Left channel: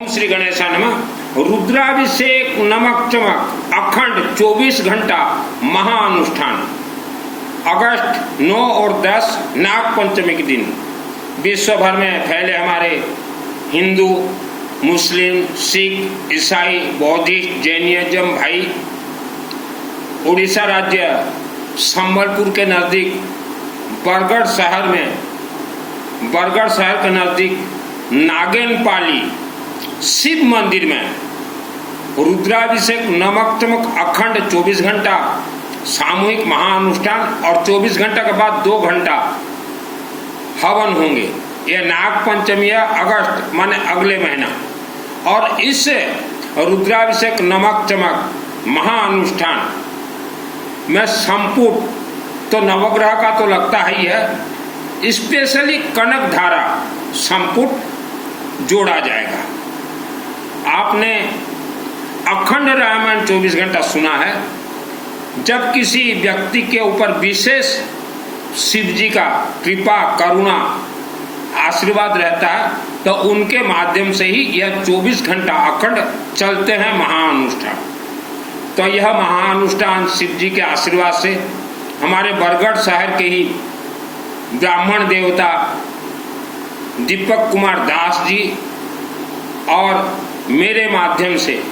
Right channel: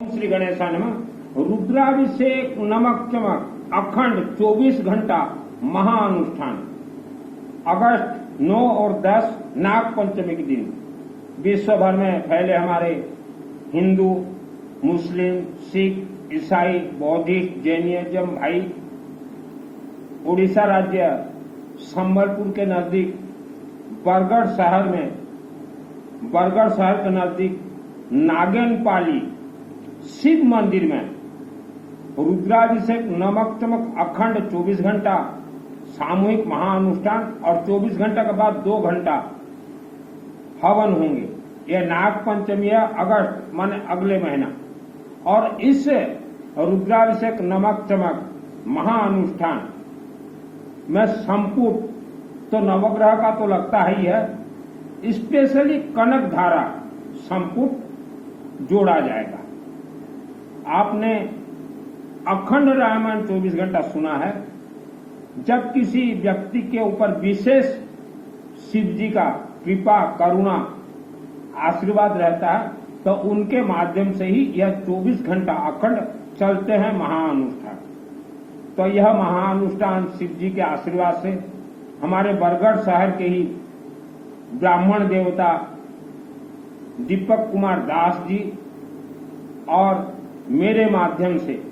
श्री गणेशाय नमः। रुद्राभिषेक नमक चमक अखंड 24 घंटा महाअनुष्ठान अगस्त 9 और 10 नाग पंचमी के दिन विश्व भर में फैले हमारे हिंदू, मुस्लिम, सिख, ईसाई, बौद्धिस्ट, जैनिज्म भाई उड़ीसा राज्य संबलपुर के नज़दीक बरगढ़ शहर के नज़दीक नागेनपाली शिव मंदिर में रुद्राभिषेक नमक चमक अखंड 24 घंटा सामूहिक महाअनुष्ठान और 24 घंटा के बाद 2 घंटा हवन होंगे। यह नाग पंचमी है, अगस्त माने अगले महीना। और इस रुद्राभिषेक नमक चमक महाअनुष्ठान में संपुट तो नवग्रह का तो लगता ही है, स्पेशली कनक धारा संपुट जोड़ा जाएगा। आपने अखंड रामायण 24 घंटा सुना है। जब किसी व्यक्ति के ऊपर विशेष शिव जी का कृपा, करुणा, आशीर्वाद रहता है तो उनके माध्यम से ही यह 24 घंटा अखंड चलते हैं महाअनुष्ठान। तो यह महाअनुष्ठान शिव जी के आशीर्वाद से हमारे बरगढ़ शहर के ही ब्राह्मण देवता दीपक कुमार दास जी और मेरे माध्यम से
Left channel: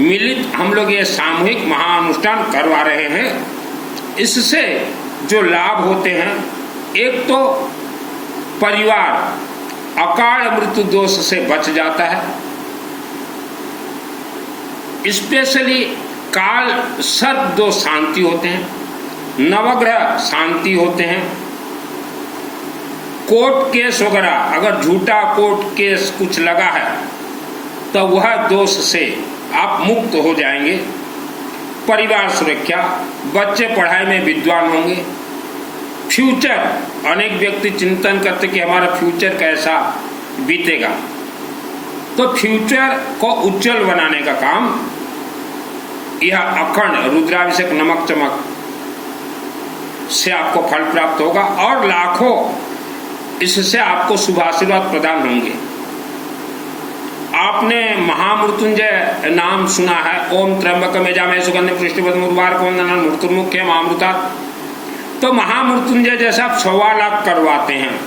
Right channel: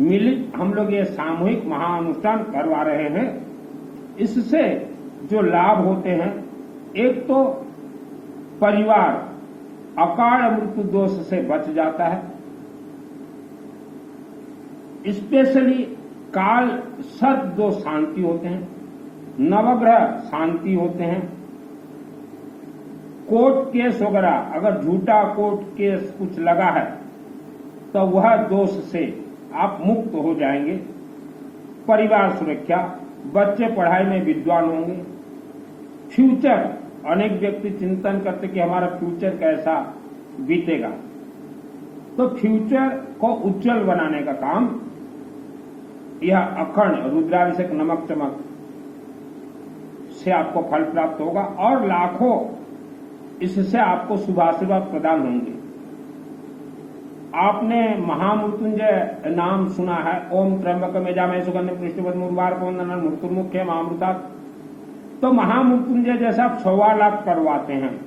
मिलित हम लोग ये सामूहिक महाअनुष्ठान करवा रहे हैं। इससे जो लाभ होते हैं, एक तो परिवार अकाल मृत्यु दोष से बच जाता है, स्पेशली काल सर्प दोष शांति होते हैं, नवग्रह शांति होते हैं, कोर्ट केस वगैरह अगर झूठा कोर्ट केस कुछ लगा है तो वह दोष से आप मुक्त हो जाएंगे। परिवार सुरक्षा, बच्चे पढ़ाई में विद्वान होंगे। फ्यूचर, अनेक व्यक्ति चिंतन करते कि हमारा फ्यूचर कैसा बीतेगा, तो फ्यूचर को उज्जवल बनाने का काम यह अखंड रुद्राभिषेक नमक चमक से आपको फल प्राप्त होगा और लाखों इससे आपको शुभाशीर्वाद प्रदान होंगे। आपने महामृत्युंजय नाम सुना है। ओम त्र्यंबकम यजामहे सुगंधिं पुष्टिवर्धनम् उर्वारुकम् वंदनान् मृत्युर्मुक्षयम् अमृतात्। तो महामृत्युंजय जैसा आप 1.25 लाख करवाते हैं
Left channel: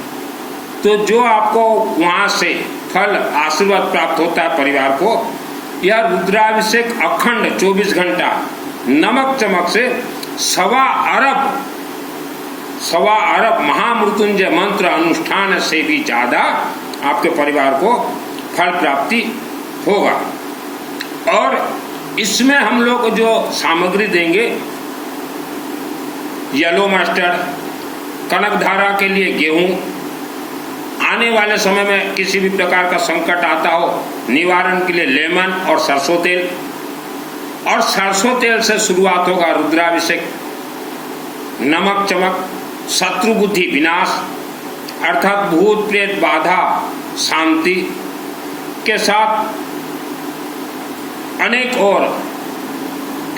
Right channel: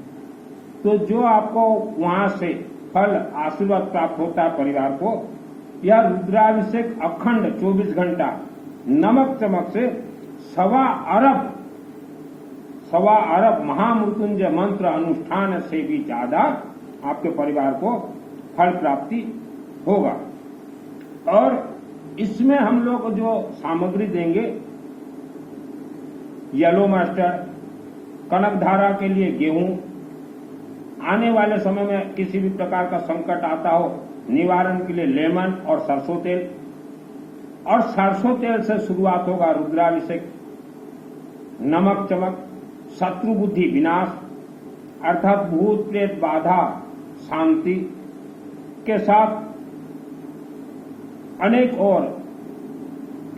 तो जो आपको वहाँ से फल आशीर्वाद प्राप्त होता है परिवार को, यह रुद्राभिषेक अखंड 24 घंटा नमक चमक से 1.25 अरब महामृत्युंजय मंत्र अनुष्ठान से भी ज़्यादा आपके परिवार को फल प्राप्ति होगा। और इसमें हम लोग जो सामग्री देंगे, येलो मस्टर्ड, कनक धारा के लिए गेहूं, आने वाले समय में किसी भी प्रकार का संकट आता हो निवारण के लिए लेमन और सरसों तेल। और सरसों तेल से शुरुआत होगा रुद्राभिषेक नमक चमक, शत्रु बुद्धि विनाश अर्थात भूत प्रेत बाधा शांति के साथ अनेक और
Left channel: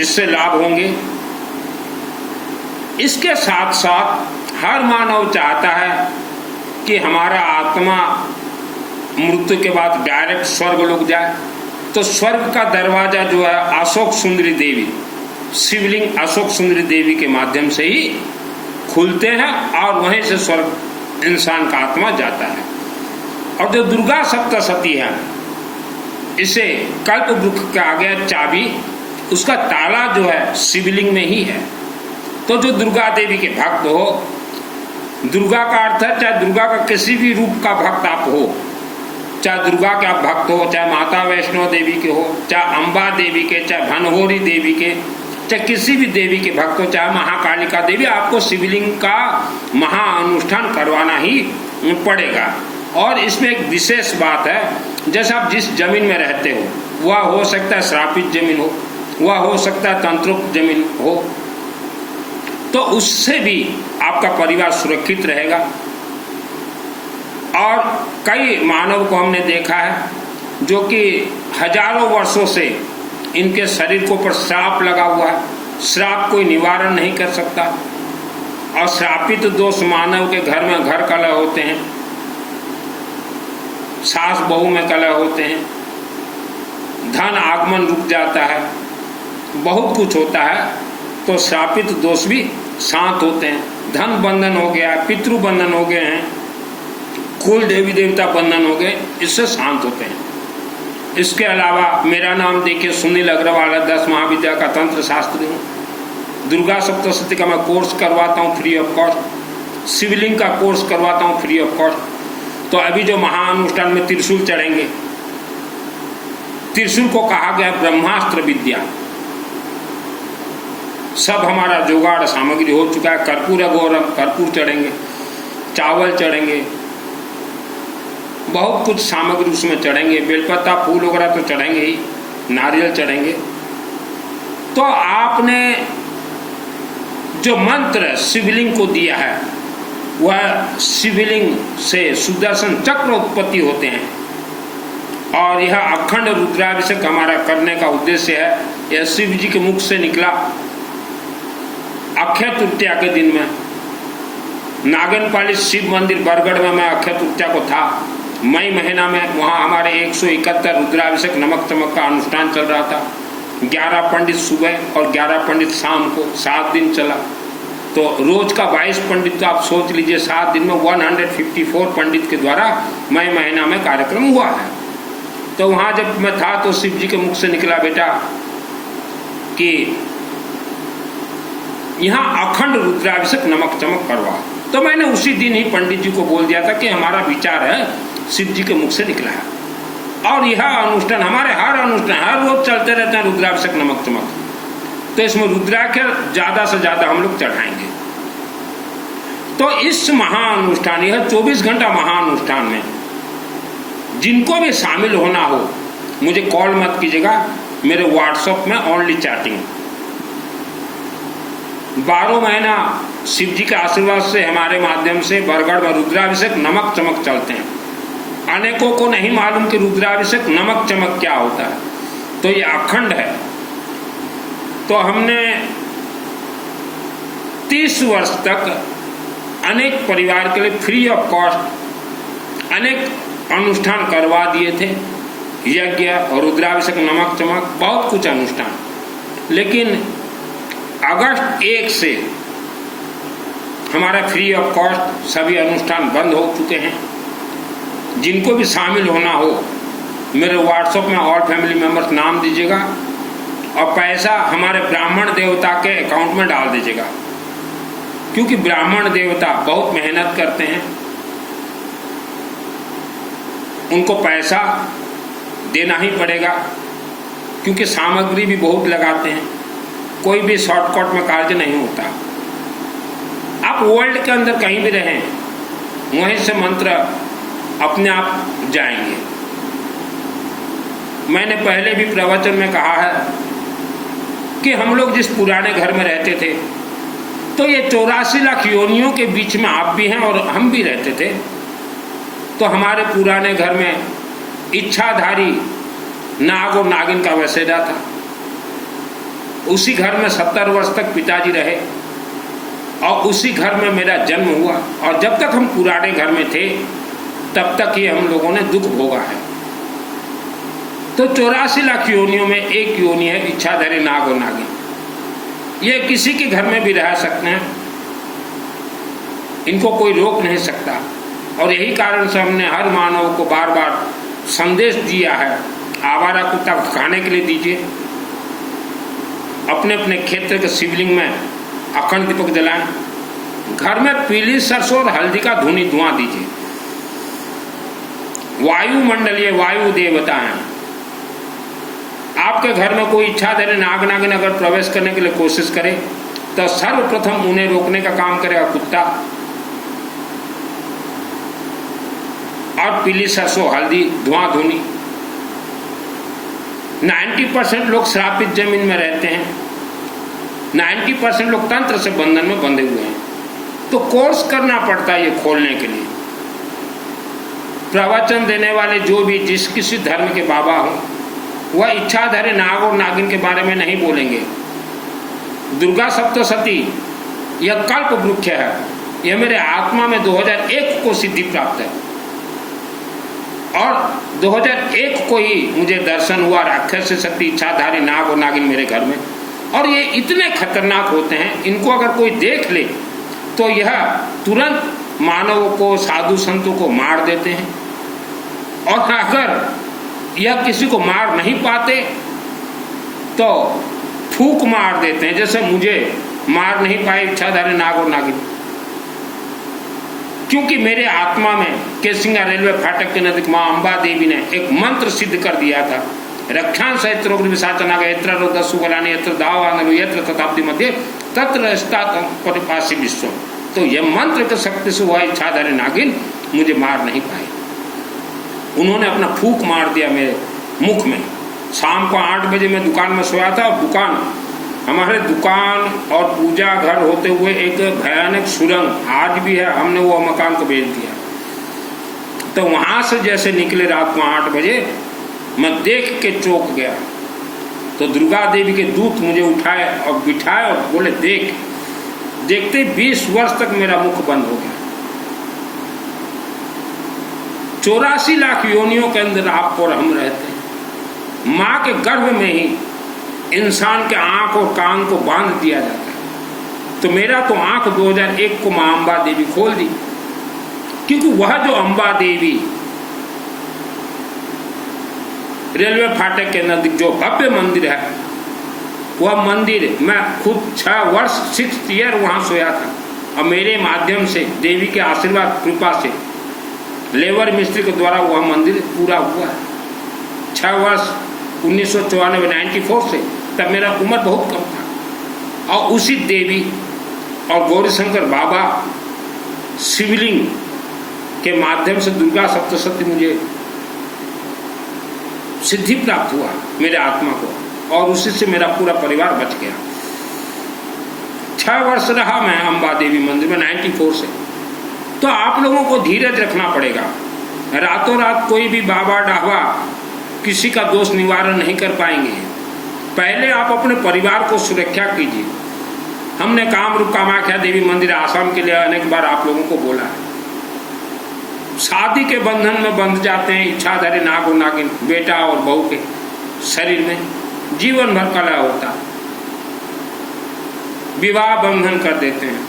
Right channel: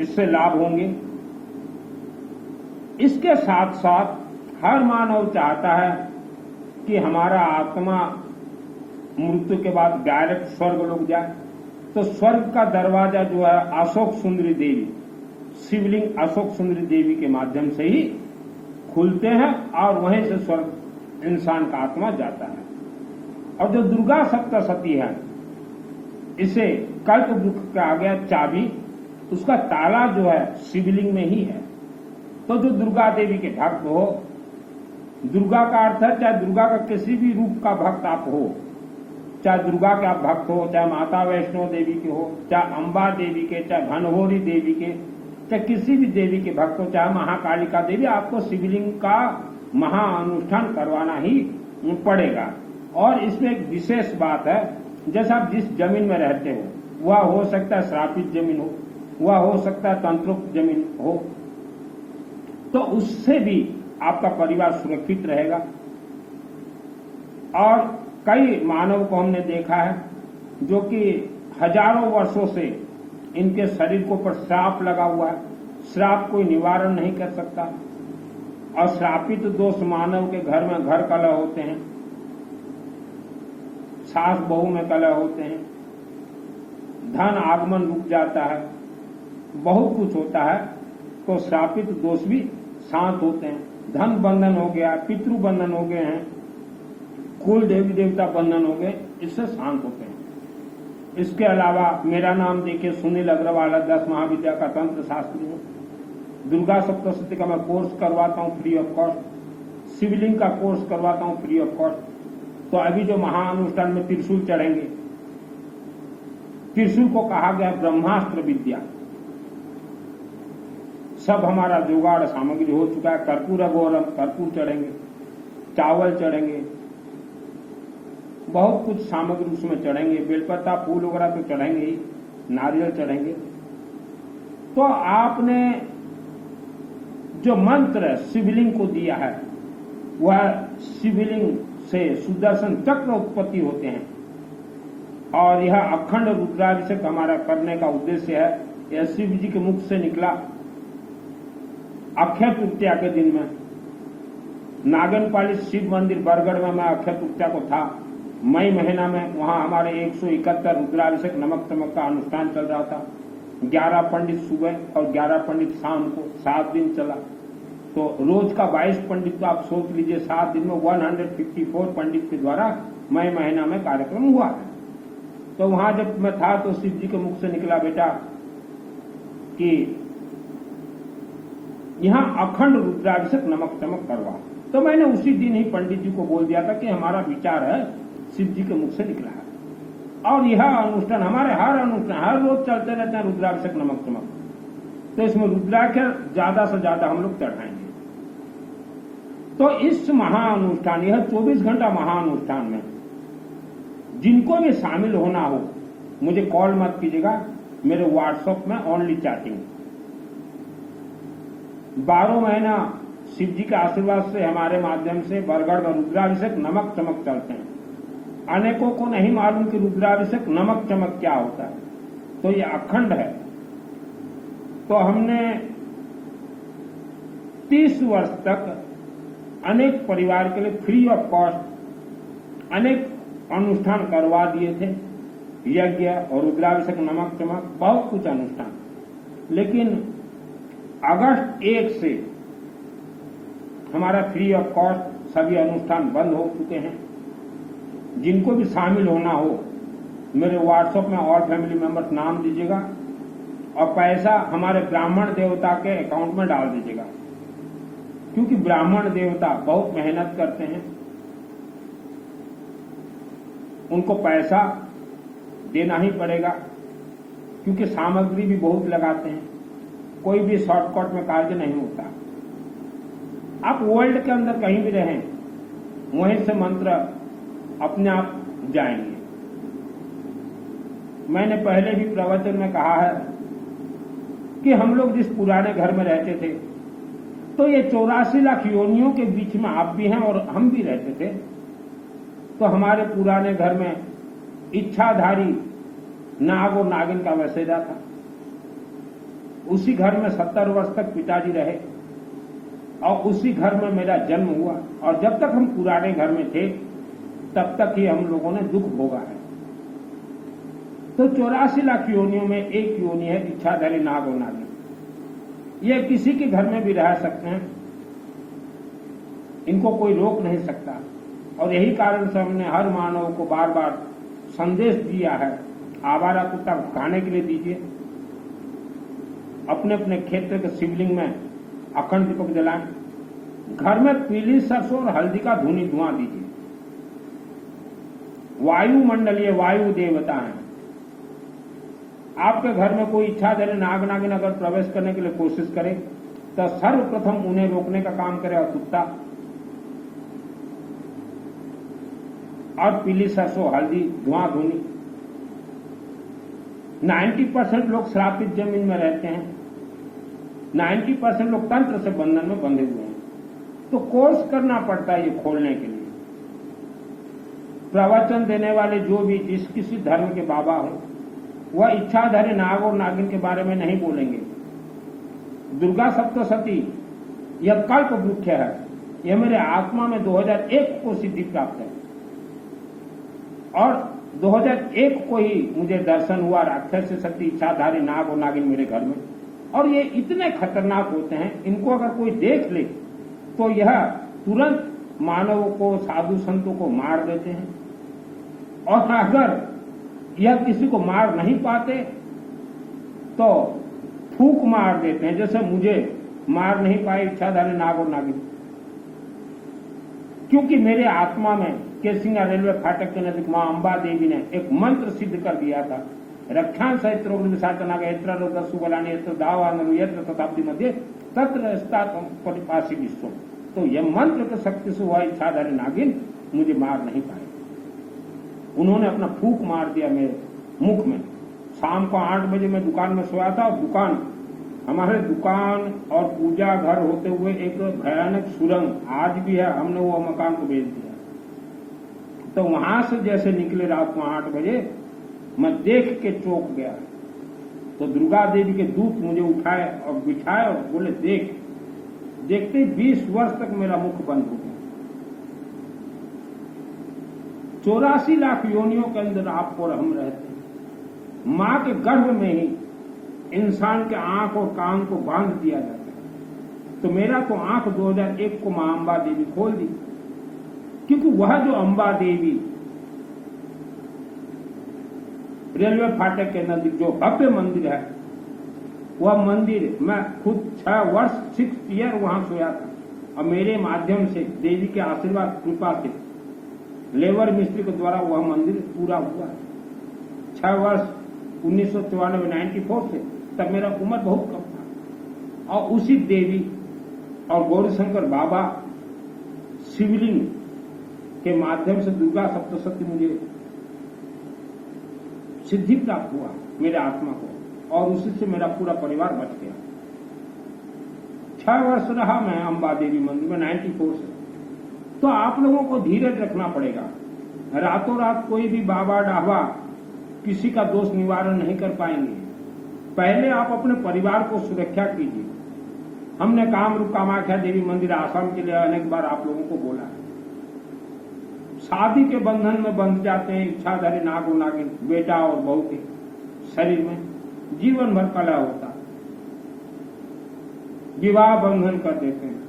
इससे लाभ होंगे। इसके साथ साथ हर मानव चाहता है कि हमारा आत्मा मृत्यु के बाद डायरेक्ट स्वर्ग लोग जाए, तो स्वर्ग का दरवाजा जो है अशोक सुंदरी देवी, शिवलिंग अशोक सुंदरी देवी के माध्यम से ही खुलते हैं और वहीं से स्वर्ग इंसान का आत्मा जाता है। और जो दुर्गा सप्तशती है, इसे कल्प वृक्ष का आगे चाबी, उसका ताला जो है शिवलिंग में ही है। तो जो दुर्गा देवी के भक्त हो, दुर्गा का अर्थ है चाहे दुर्गा का किसी भी रूप का भक्त आप हो, चाहे दुर्गा के आप भक्त हो, चाहे माता वैष्णो देवी के हो, चाहे अम्बा देवी के, चाहे भनहोरी देवी के, चाहे किसी भी देवी के भक्त हो, चाहे महाकालिका देवी, आपको शिवलिंग का महाअनुष्ठान करवाना ही पड़ेगा। और इसमें एक विशेष बात है, जैसे आप जिस जमीन में रहते हो, वह हो सकता है श्रापित जमीन हो, वह हो सकता है तंत्रोक्त जमीन हो, तो उससे भी आपका परिवार सुरक्षित रहेगा। और कई मानव को हमने देखा है जो कि हजारों वर्षों से इनके शरीर के ऊपर श्राप लगा हुआ है, श्राप कोई निवारण नहीं कर सकता। और श्रापित दोष मानव के घर में घर कलह होते हैं, सास बहू में कलह होते हैं, धन आगमन रुक जाता है, बहुत कुछ होता है। तो श्रापित दोष भी शांत होते हैं। धन बंधन हो गया, पितृ बंधन हो गए हैं, कुल देवी देवता बंधन हो गए, इससे शांत होते हैं। इसके अलावा मेरा नाम देखिए सुनील अग्रवाल, 10 महाविद्या का तंत्र शास्त्री हूँ। दुर्गा सप्तशती का मैं कोर्स करवाता हूँ फ्री ऑफ कॉस्ट। शिवलिंग का कोर्स करवाता हूँ फ्री ऑफ कॉस्ट। तो अभी जो महाअनुष्ठान में त्रिशूल चढ़ेंगे, त्रिशूल को कहा गया ब्रह्मास्त्र विद्या। सब हमारा जुगाड़ सामग्री हो चुका है। कर्पूर अघोरम, कर्पूर चढ़ेंगे, चावल चढ़ेंगे, बहुत कुछ सामग्री उसमें चढ़ेंगे, बेलपत्ता फूल वगैरह तो चढ़ेंगे ही, नारियल चढ़ेंगे। तो आपने जो मंत्र शिवलिंग को दिया है, वह शिवलिंग से सुदर्शन चक्र उत्पत्ति होते हैं। और यह अखंड रुद्राभिषेक हमारा करने का उद्देश्य है। यह शिव जी के मुख से निकला अक्षय तृतीया के दिन में। नागनपाली शिव मंदिर बरगढ़ में मैं अक्षय तृतीया को था, मई महीना में। वहाँ हमारे 171 रुद्राभिषेक नमक चमक का अनुष्ठान चल रहा था। 11 पंडित सुबह और 11 पंडित शाम को, 7 दिन चला। तो रोज का 22 पंडित, तो आप सोच लीजिए 7 दिन में 154 पंडित के द्वारा मई महीना में कार्यक्रम हुआ है। तो वहाँ जब मैं था तो शिव जी के मुख से निकला बेटा कि यहाँ अखंड रुद्राभिषेक नमक चमक करवा। तो मैंने उसी दिन ही पंडित जी को बोल दिया था कि हमारा विचार है, शिव जी के मुख से निकला है। और यह अनुष्ठान हमारे हर अनुष्ठान हर रोज चलते रहते हैं, रुद्राभिषेक नमक चमक। तो इसमें रुद्राक्षर ज़्यादा से ज़्यादा हम लोग चढ़ाएंगे। तो इस महाअनुष्ठान, यह 24 घंटा महाअनुष्ठान में जिनको भी शामिल होना हो, मुझे कॉल मत कीजिएगा, मेरे व्हाट्सएप में ओनली चैटिंग। 12 महीना शिव जी के आशीर्वाद से हमारे माध्यम से बरगढ़ में रुद्राभिषेक नमक चमक चलते हैं। अनेकों को नहीं मालूम कि रुद्राभिषेक नमक चमक क्या होता है। तो ये अखंड है। तो हमने 30 वर्ष तक अनेक परिवार के लिए फ्री ऑफ कॉस्ट अनेक अनुष्ठान करवा दिए थे, यज्ञ और रुद्राभिषेक नमक चमक, बहुत कुछ अनुष्ठान। लेकिन अगस्त 1 से हमारा फ्री ऑफ कॉस्ट सभी अनुष्ठान बंद हो चुके हैं। जिनको भी शामिल होना हो, मेरे व्हाट्सएप में ऑल फैमिली मेंबर्स नाम दीजिएगा और पैसा हमारे ब्राह्मण देवता के अकाउंट में डाल दीजिएगा। क्योंकि ब्राह्मण देवता बहुत मेहनत करते हैं, उनको पैसा देना ही पड़ेगा, क्योंकि सामग्री भी बहुत लगाते हैं। कोई भी शॉर्टकट में कार्य नहीं होता। आप वर्ल्ड के अंदर कहीं भी रहें, वहीं से मंत्र अपने आप जाएंगे। मैंने पहले भी प्रवचन में कहा है कि हम लोग जिस पुराने घर में रहते थे, तो ये 84 लाख योनियों के बीच में आप भी हैं और हम भी रहते थे। तो हमारे पुराने घर में इच्छाधारी नाग और नागिन का वसेरा था। उसी घर में 70 वर्ष तक पिताजी रहे और उसी घर में मेरा जन्म हुआ। और जब तक हम पुराने घर में थे, तब तक ये हम लोगों ने दुख भोगा है। तो 84 लाख योनियों में एक योनि है इच्छाधारी नाग और नागिन। ये किसी के घर में भी रह सकते हैं, इनको कोई रोक नहीं सकता। और यही कारण से हमने हर मानव को बार बार संदेश दिया है, आवारा कुत्ता खाने के लिए दीजिए, अपने अपने क्षेत्र के शिवलिंग में अखंड दीपक जलाएं, घर में पीली सरसों और हल्दी का धुआं दीजिए। वायुमंडलीय वायु देवता हैं। आपके घर में कोई इच्छाधारी नाग नागिन अगर प्रवेश करने के लिए कोशिश करे, तो सर्वप्रथम उन्हें रोकने का काम करेगा कुत्ता। और पीली सरसों हल्दी धुआं धुनी। 90% लोग श्रापित जमीन में रहते हैं, 90% लोग तंत्र से बंधन में बंधे हुए हैं। तो कोर्स करना पड़ता है ये खोलने के लिए। प्रवचन देने वाले जो भी जिस किसी धर्म के बाबा हों, वह इच्छाधारी नाग और नागिन के बारे में नहीं बोलेंगे। दुर्गा सप्तशती यह कल्प वृक्ष है। यह मेरे आत्मा में 2001 को सिद्धि प्राप्त है। और 2001 को ही मुझे दर्शन हुआ राक्षस शक्ति इच्छाधारी नाग और नागिन मेरे घर में। और ये इतने खतरनाक होते हैं, इनको अगर कोई देख ले तो यह तुरंत मानवों को, साधु संतों को मार देते हैं। और अगर यह किसी को मार नहीं पाते तो फूंक मार देते हैं, जैसे मुझे मार नहीं पाए इच्छाधारी नाग और नागिन, क्योंकि मेरे आत्मा में केसिंगा रेलवे फाटक के नजदीक माँ अम्बा देवी ने एक मंत्र सिद्ध कर दिया था। रक्षां सहित विशाचना का यत्र रोदस्सु बलानि यत्र दावांगनु यत्र तथाब्दि मध्य तत्र स्तात परिपासी विश्व। तो यह मंत्र के शक्ति से हुआ इच्छाधारी नागिन मुझे मार नहीं पाए। उन्होंने अपना फूंक मार दिया मेरे मुख में। शाम को 8 बजे मैं दुकान में सोया था, और दुकान, हमारे दुकान और पूजा घर होते हुए एक भयानक सुरंग आज भी है, हमने वो मकान को बेच दिया। तो वहां से जैसे निकले रात को 8 बजे, मैं देख के चौंक गया। तो दुर्गा देवी के दूत मुझे उठाए और बिठाए और बोले देख। देखते 20 वर्ष तक मेरा मुख बंद हो गया। 84 लाख योनियों के अंदर आप और हम रहते हैं। माँ के गर्भ में ही इंसान के आंख और कान को बांध दिया जाता है। तो मेरा तो आंख 2001 को माँ अम्बा देवी खोल दी, क्योंकि वह जो अम्बा देवी रेलवे फाटक के नजदीक जो भव्य मंदिर है, वह मंदिर मैं खुद 6 वर्ष 6th ईयर वहां सोया था। और मेरे माध्यम से देवी के आशीर्वाद कृपा से लेबर मिस्त्री के द्वारा वह मंदिर पूरा हुआ है। 6 वर्ष 1994 94 से, तब मेरा उम्र बहुत कम था। और उसी देवी और गौरीशंकर बाबा शिवलिंग के माध्यम से दुर्गा सप्तशती मुझे सिद्धि प्राप्त हुआ मेरे आत्मा को, और उसी से मेरा पूरा परिवार बच गया। 6 वर्ष रहा मैं अम्बा देवी मंदिर में 94 से। तो आप लोगों को धीरज रखना पड़ेगा। रातों रात कोई भी बाबा डाहवा किसी का दोष निवारण नहीं कर पाएंगे। पहले आप अपने परिवार को सुरक्षा कीजिए। हमने कामरूप कामाख्या देवी मंदिर आसाम के लिए अनेक बार आप लोगों को बोला है। शादी के बंधन में बंध जाते हैं इच्छाधारी नाग और नागिन, बेटा और बहू के शरीर में जीवन भर कलह होता। विवाह बंधन कर देते हैं,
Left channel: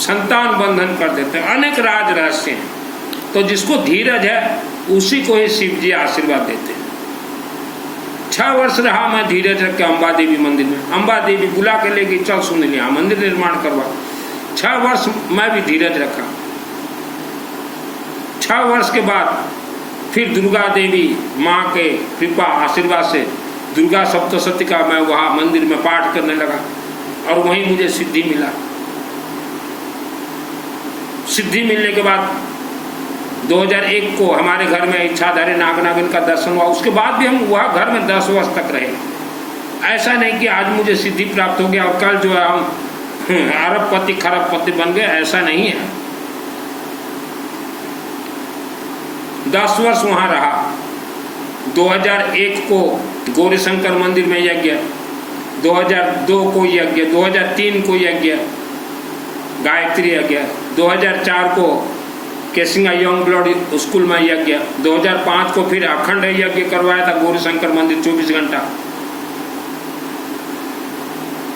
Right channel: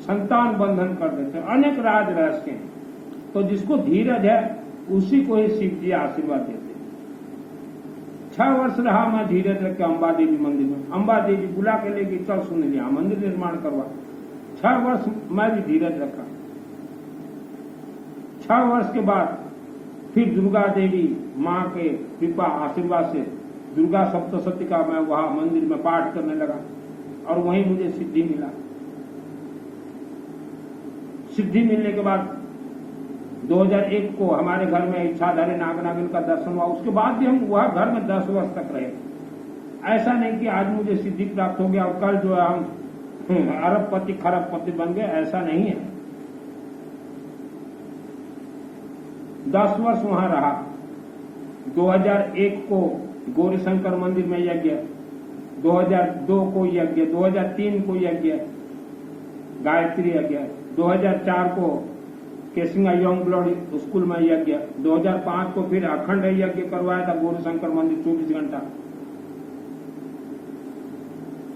संतान बंधन कर देते हैं, अनेक राज रहस्य हैं। तो जिसको धीरज है उसी को ही शिव जी आशीर्वाद देते हैं। 6 वर्ष रहा मैं धीरज रख के अम्बा देवी मंदिर में। अम्बा देवी बुला के ले गई, चल सुन लिया, मंदिर निर्माण करवा। 6 वर्ष मैं भी धीरज रखा। 6 वर्ष के बाद फिर दुर्गा देवी माँ के कृपा आशीर्वाद से दुर्गा सप्तशती का मैं वहाँ मंदिर में पाठ करने लगा, और वहीं मुझे सिद्धि मिला। सिद्धि मिलने के बाद 2001 को हमारे घर में इच्छाधारी नाग नागिन का दर्शन हुआ। उसके बाद भी हम वह घर में 10 वर्ष तक रहे। ऐसा नहीं कि आज मुझे सिद्धि प्राप्त हो गया और कल जो है हम अरबपति खरबपति बन गए, ऐसा नहीं है। 10 वर्ष वहाँ रहा। 2001 को गौरीशंकर मंदिर में यज्ञ, 2002 को यज्ञ, 2003 को यज्ञ गायत्री यज्ञ, 2004 को केसिंगा यंग ब्लड स्कूल में यज्ञ, 2005 को फिर अखंड यज्ञ करवाया था गौरीशंकर मंदिर 24 घंटा,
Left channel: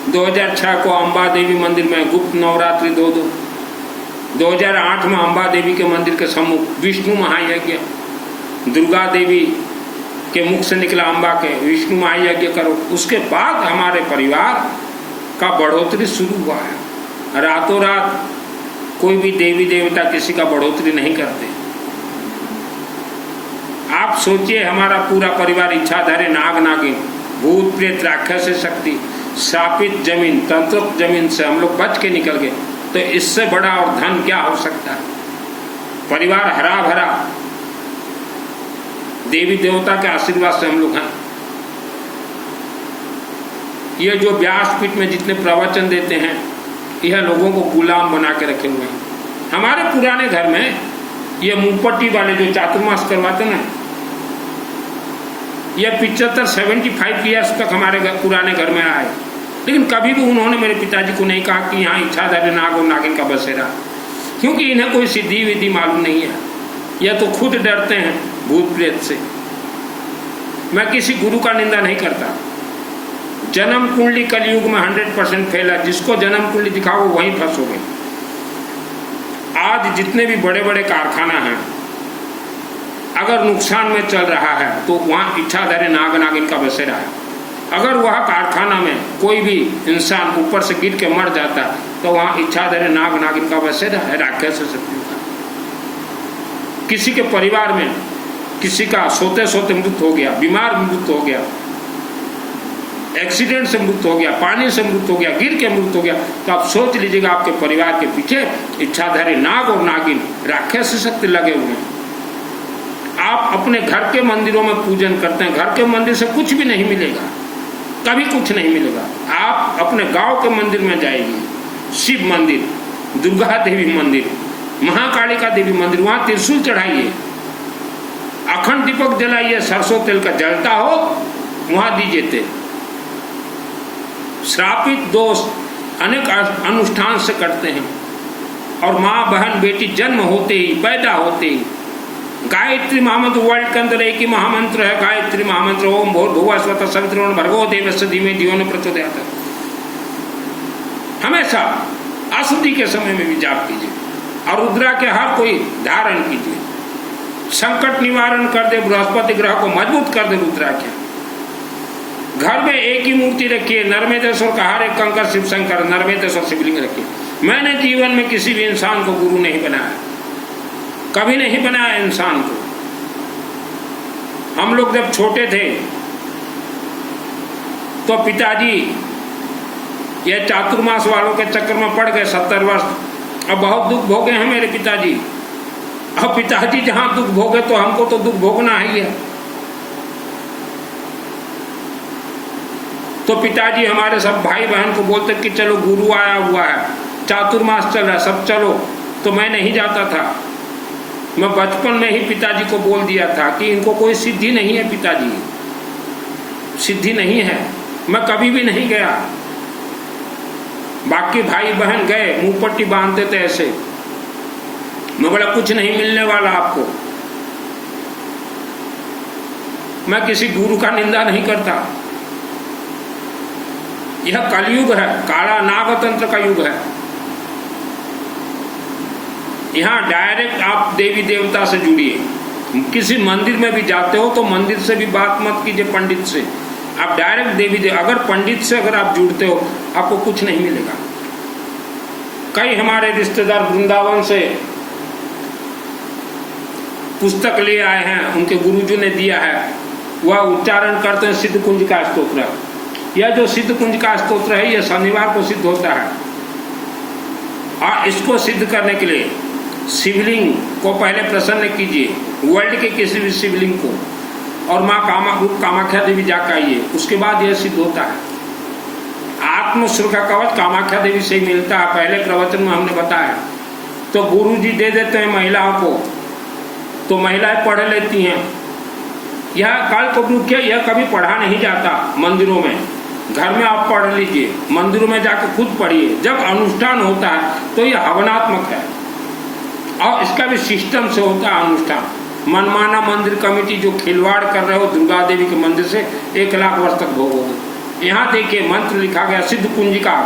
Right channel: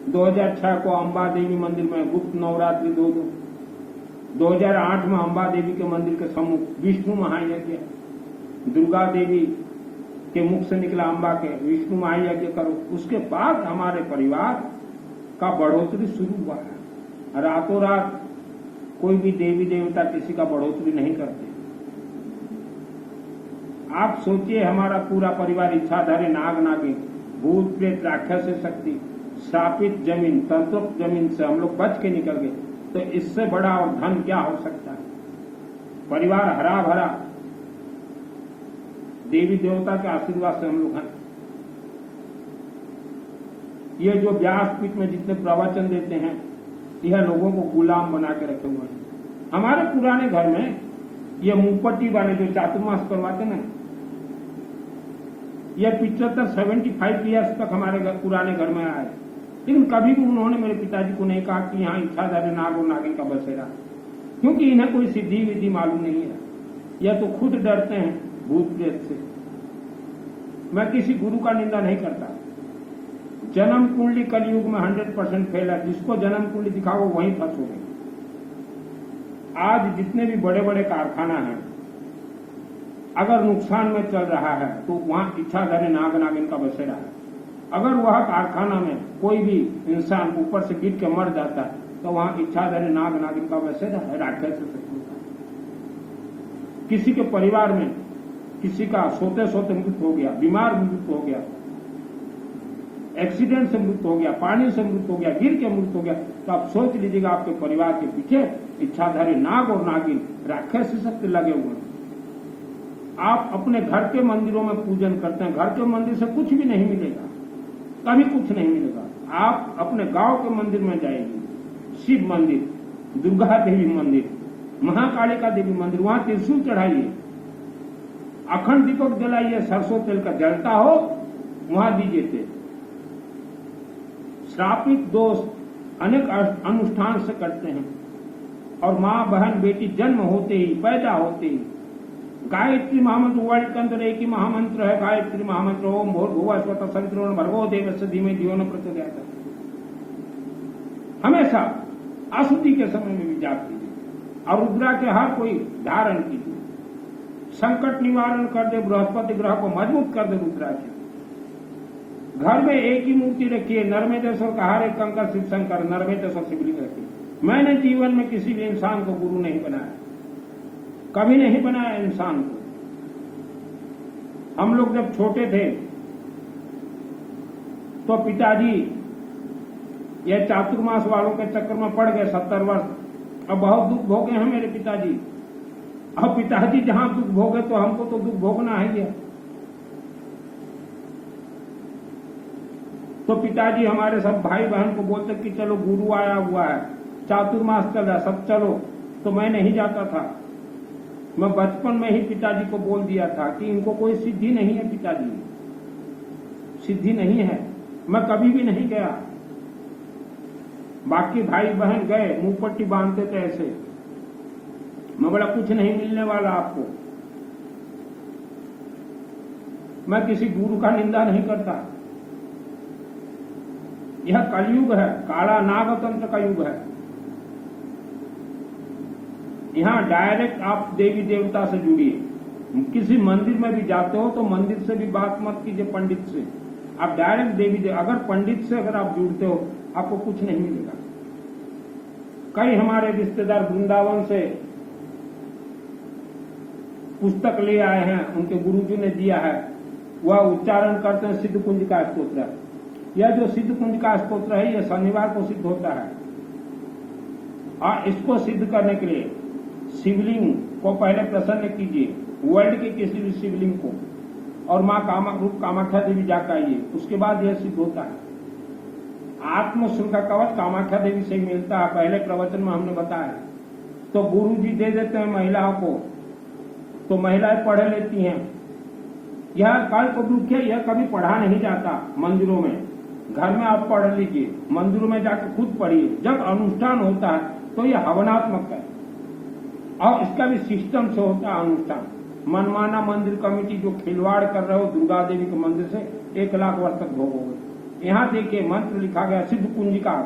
2006 को अम्बा देवी मंदिर में गुप्त नवरात्रि 2-2, 2008 में अम्बा देवी के मंदिर के सम्मुख विष्णु महायज्ञ, दुर्गा देवी के मुख से निकला अम्बा के विष्णु महायज्ञ करो। उसके बाद हमारे परिवार का बढ़ोतरी शुरू हुआ है। रातों रात कोई भी देवी देवता किसी का बढ़ोतरी नहीं करते। आप सोचिए, हमारा पूरा परिवार इच्छाधारी नाग नागिन, भूत प्रेत राक्षस शक्ति, शापित जमीन, तंत्रोक्त जमीन से हम लोग बच के निकल गए। तो इससे बड़ा और धन क्या हो सकता है। परिवार हरा भरा, देवी देवता के आशीर्वाद से हम लोग हैं। ये जो व्यासपीठ में जितने प्रवचन देते हैं, यह लोगों को गुलाम बना के रखे हुए हैं। हमारे पुराने घर में ये मुंहपट्टी वाले जो चातुर्मास करवाते ना, यह 75-75 ईयर्स तक हमारे पुराने घर में आए, लेकिन कभी भी उन्होंने मेरे पिताजी को नहीं कहा कि यहाँ इच्छाधारी नाग और नागिन का बसेरा, क्योंकि इन्हें कोई सिद्धि विधि मालूम नहीं है। या तो खुद डरते हैं भूत प्रेत से। मैं किसी गुरु का निंदा नहीं करता। जन्म कुंडली कलयुग में 100% फैला, जिसको जन्म कुंडली दिखाओ वहीं फंसोगे। आज जितने भी बड़े बड़े कारखाना हैं, अगर नुकसान में चल रहा है तो वहाँ इच्छाधारी नाग नागिन का बसेरा है। अगर वह कारखाना में कोई भी इंसान ऊपर से गिर के मर जाता तो वहाँ इच्छाधारी नाग नागिन का बसेरा है, राक्षस शक्तियों का। किसी के परिवार में किसी का सोते सोते मृत्यु हो गया, बीमार मृत्यु हो गया, एक्सीडेंट से मृत्यु हो गया, पानी से मृत्यु हो गया, गिर के मृत्यु हो गया, तो आप सोच लीजिएगा आपके परिवार के पीछे इच्छाधारी नाग और नागिन राक्षस शक्ति लगे हुए हैं। आप अपने घर के मंदिरों में पूजन करते हैं, घर के मंदिर से कुछ भी नहीं मिलेगा, कभी कुछ नहीं मिलेगा। आप अपने गांव के मंदिर में जाइए, शिव मंदिर, दुर्गा देवी मंदिर, महाकालिका देवी मंदिर, वहां त्रिशूल चढ़ाइए, अखंड दीपक जलाइए, सरसों तेल का जलता हो वहां दीजिए तेल। श्रापित दोस्त अनेक अनुष्ठान से कटते हैं। और माँ बहन बेटी जन्म होते ही, पैदा होते ही गायत्री महामंत्र, वर्ल्ड के अंदर एक ही महामंत्र है गायत्री महामंत्र, ओम भूर्भुवः स्वतः सवितुर्वरेण्यं भर्गो देवस्य धीमहि धियो न प्रचोदयात्। हमेशा अशुद्धि के समय में भी जाप कीजिए और रुद्रा के हर कोई धारण कीजिए। संकट निवारण कर दे, बृहस्पति ग्रह को मजबूत कर दे रुद्रा के। घर में एक ही मूर्ति रखिए, नर्मदेश्वर का हर एक कंकर शिव शंकर, नर्मदेश्वर शिवलिंग रखिए। मैंने जीवन में किसी भी इंसान को गुरु नहीं बनाया, कभी नहीं बनाया इंसान को। हम लोग जब छोटे थे तो पिताजी ये चातुर्मास वालों के चक्कर में पड़ गए 70 वर्ष। अब बहुत दुख भोगे हैं मेरे पिताजी। अब पिताजी जहां दुख भोगे तो हमको तो दुख भोगना ही है। तो पिताजी हमारे सब भाई बहन को बोलते कि चलो गुरु आया हुआ है, चातुर्मास चल रहा है, सब चलो। तो मैं नहीं जाता था। मैं बचपन में ही पिताजी को बोल दिया था कि इनको कोई सिद्धि नहीं है, पिताजी सिद्धि नहीं है, मैं कभी भी नहीं गया। बाकी भाई बहन गए, मुंह पट्टी बांधते थे ऐसे। मैं बोला कुछ नहीं मिलने वाला आपको। मैं किसी गुरु का निंदा नहीं करता। यह कलयुग है, काला नागतंत्र का युग है। यहाँ डायरेक्ट आप देवी देवता से जुड़िए। किसी मंदिर में भी जाते हो तो मंदिर से भी बात मत कीजिए, पंडित से। आप डायरेक्ट देवी देव, अगर पंडित से अगर आप जुड़ते हो आपको कुछ नहीं मिलेगा। कई हमारे रिश्तेदार वृंदावन से पुस्तक ले आए हैं, उनके गुरुजी ने दिया है, वह उच्चारण करते हैं सिद्ध कुंज का स्तोत्र। यह जो सिद्ध कुंज का स्तोत्र है यह शनिवार को सिद्ध होता है। और इसको सिद्ध करने के लिए शिवलिंग को पहले प्रसन्न कीजिए, वर्ल्ड के किसी भी शिवलिंग को, और माँ कामाख्या देवी जाकर आइए, उसके बाद यह सिद्ध होता है। आत्मश्रुखा कवच कामाख्या देवी से ही मिलता है, पहले प्रवचन में हमने बताया। तो गुरु जी दे देते हैं महिलाओं को, तो महिलाएं पढ़ लेती हैं। यह काल कब्रुख है, यह कभी पढ़ा नहीं जाता मंदिरों में। घर में आप पढ़ लीजिए, मंदिरों में जाकर खुद पढ़िए। जब अनुष्ठान होता है तो यह हवनात्मक है और इसका भी सिस्टम से होता है अनुष्ठान। मनमाना मंदिर कमेटी जो खिलवाड़ कर रहे हो दुर्गा देवी के मंदिर से 1 लाख वर्ष तक भोगोगे। यहाँ देखिए मंत्र लिखा गया, सिद्ध कुंजिका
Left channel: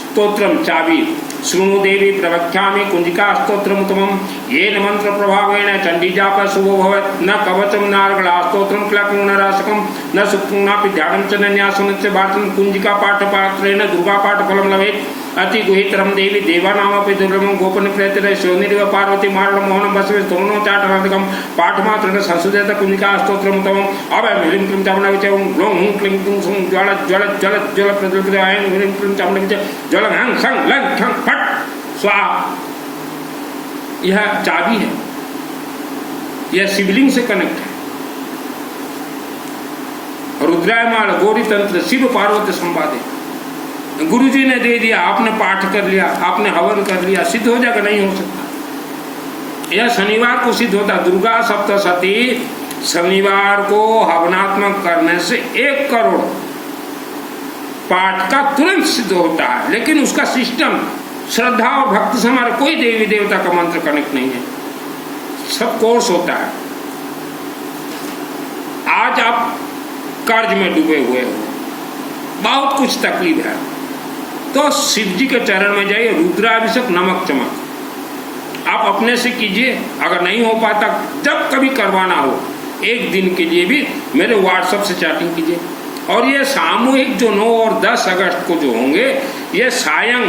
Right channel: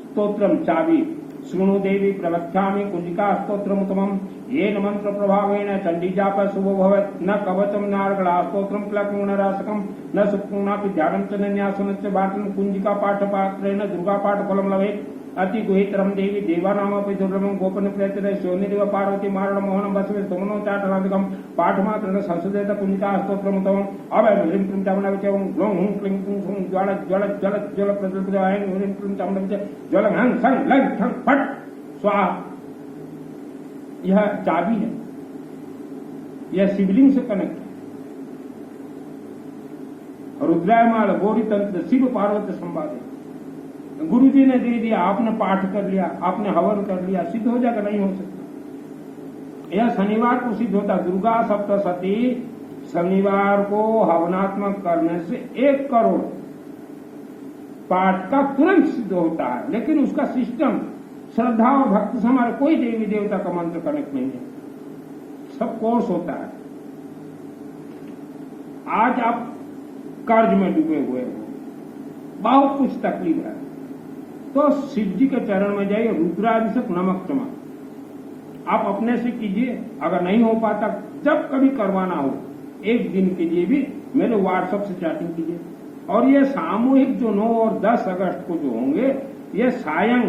स्तोत्रम चाबी शृणु देवी प्रवक्ष्यामि कुंजिका स्तोत्रम उत्तमम येन मंत्र प्रभावेण चंडी जाप शुभो भवत् न कवचम न अर्गला स्तोत्रम क्लकं न रासकम न सुक्तं नापि ध्यानं च न न्यासं च भातं कुंजिका पाठ पात्रेण दुर्गा पाठ फलं लभेत् अति गुहितरम देवी देवानामपि दुर्लभं गोपन प्रेतरे शोनिरिव पार्वती मारण मोहनं बसवे स्तोमनो चाटनादिकं पाठमात्रेण संसुदेत कुंजिका स्तोत्रम उत्तमम् अभयं ह्रीं क्लीं चामुण्डाविचयं ग्लौं हुं क्लीं क्लूं सुं ज्वाल ज्वल ज्वल ज्वल प्रज्वलिताय ह्रीं क्लीं चामुण्डाविचय ज्वल हं सं लं खं फट स्वाहा। यह चाबी है, यह शिवलिंग से कनेक्ट है। रुद्रायमाल गौरी तंत्र शिव पार्वती संवादे गुरु जी ने दे दिया, आपने पाठ कर लिया, आपने हवन कर लिया, सिद्ध हो जाएगा? नहीं हो सकता। यह शनिवार को सिद्ध होता। दुर्गा सप्तशती शनिवार को हवनात्मक करने से 1 करोड़ पाठ का तुरंत सिद्ध होता है। लेकिन उसका सिस्टम श्रद्धा और भक्ति से हमारा कोई देवी देवता का मंत्र कनेक्ट नहीं है। सब कोर्स होता है। आज आप कर्ज में डूबे हुए हो, बहुत कुछ तकलीफ है, तो शिव जी के चरण में जाइए, रुद्राभिषेक नमक चमक आप अपने से कीजिए। अगर नहीं हो पाता, जब कभी करवाना हो, एक दिन के लिए भी मेरे व्हाट्सएप से चैटिंग कीजिए। और ये सामूहिक जो 9 और 10 अगस्त को जो होंगे, ये सायं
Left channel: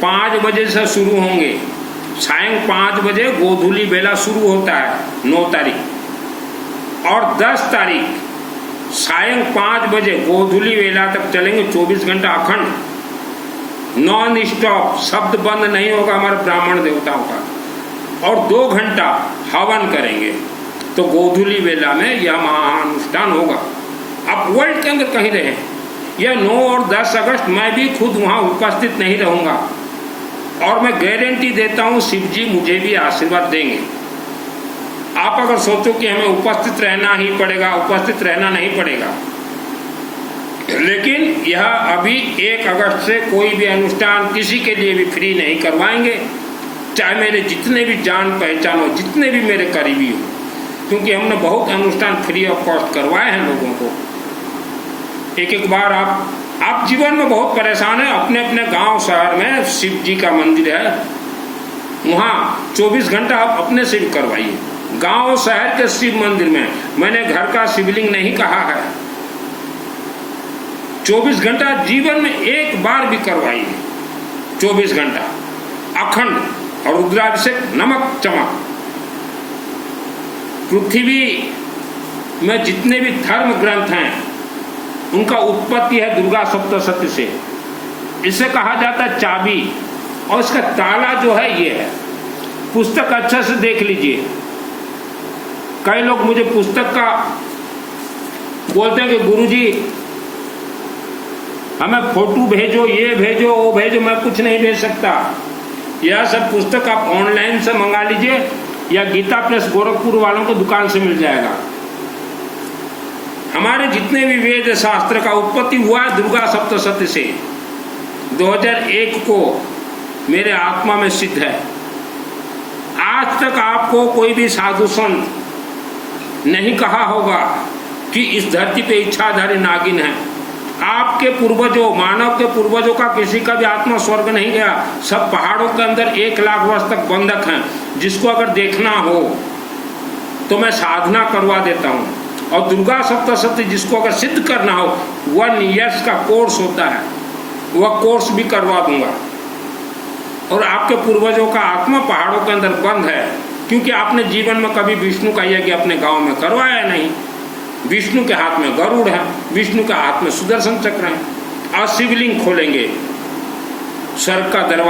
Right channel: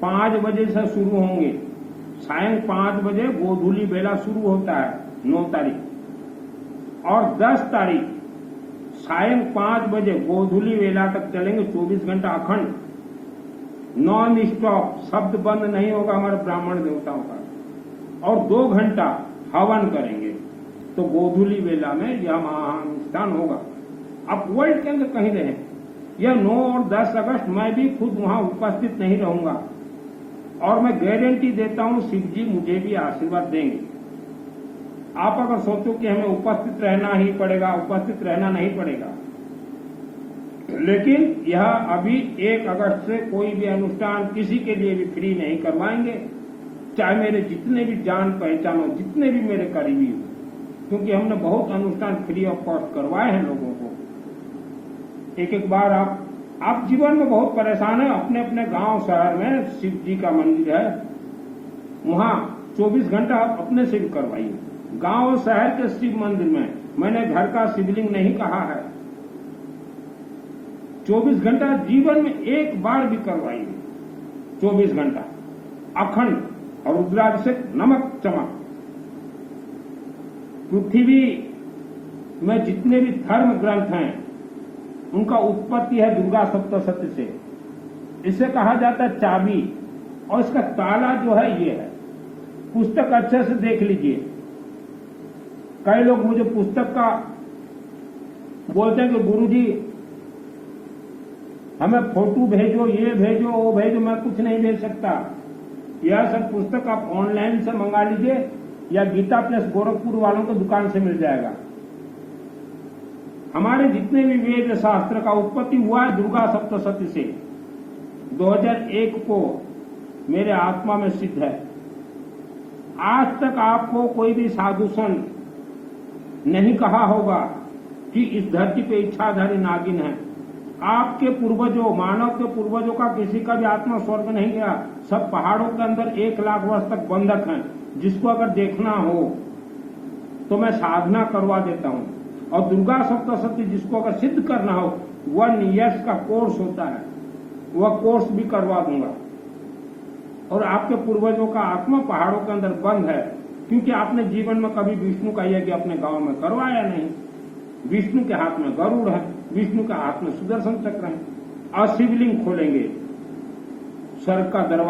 5 बजे से शुरू होंगे। सायं 5 बजे गोधूली बेला शुरू होता है 9 तारीख, और 10 तारीख सायं 5 बजे गोधूली बेला तक चलेंगे। 24 घंटा अखंड, नॉन स्टॉप, शब्द बंद नहीं होगा हमारे ब्राह्मण देवताओं का। और 2 घंटा हवन करेंगे। तो गोधूली बेला में यह महाअनुष्ठान होगा। आप वर्ल्ड के अंदर कहीं रहें, यह 9 और 10 अगस्त मैं भी खुद वहाँ उपस्थित नहीं रहूँगा, और मैं गारंटी देता हूँ शिव जी मुझे भी आशीर्वाद देंगे। आप अगर सोचो कि हमें उपस्थित रहना ही पड़ेगा, उपस्थित रहना नहीं पड़ेगा, लेकिन यह अभी 1 अगस्त से कोई भी अनुष्ठान किसी के लिए भी फ्री नहीं करवाएंगे, चाहे मेरे जितने भी जान पहचान हो, जितने भी मेरे करीबी हो, क्योंकि हमने बहुत अनुष्ठान फ्री ऑफ कॉस्ट करवाए हैं लोगों को। एक बार आप जीवन में बहुत परेशान हैं, अपने अपने गांव शहर में शिव जी का मंदिर है, वहाँ 24 घंटा आप अपने से भी करवाइए। गांव शहर के शिव मंदिर में, मैंने घर का शिवलिंग नहीं कहा है, 24 घंटा जीवन में एक बार भी करवाइए। 24 घंटा अखंड और रुद्राभिषेक नमक चमक। पृथ्वी में जितने भी धर्म ग्रंथ हैं, उनका उत्पत्ति है दुर्गा सप्तशती से। इसे कहा जाता है चाबी, और इसका ताला जो है ये है। पुस्तक अच्छे से देख लीजिए। कई लोग मुझे पुस्तक का बोलते हैं कि गुरुजी हमें फोटो भेजो, ये भेजो, वो भेजो। मैं कुछ नहीं भेज सकता। यह सब पुस्तक आप ऑनलाइन से मंगा लीजिए, या गीता प्लस गोरखपुर वालों को दुकान से मिल जाएगा। हमारे जितने भी वेद शास्त्र का उत्पत्ति हुआ है दुर्गा सप्तशती से। 2001 को मेरे आत्मा में सिद्ध है। आज तक आपको कोई भी साधु संत नहीं कहा होगा कि इस धरती पे इच्छाधारी नागिन है। आपके पूर्वजों, मानव के पूर्वजों का किसी का भी आत्मा स्वर्ग नहीं गया। सब पहाड़ों के अंदर 1 लाख वर्ष तक बंधक हैं। जिसको अगर देखना हो तो मैं साधना करवा देता हूँ। और दुर्गा सप्तशती जिसको अगर सिद्ध करना हो, 1 ईयर्स का कोर्स होता है, वह कोर्स भी करवा दूंगा। और आपके पूर्वजों का आत्मा पहाड़ों के अंदर बंद है, क्योंकि आपने जीवन में कभी विष्णु का यज्ञ अपने गांव में करवाया नहीं। विष्णु के हाथ में गरुड़ है, विष्णु के हाथ में सुदर्शन चक्र है। और शिवलिंग खोलेंगे, स्वर्ग का दरवाजा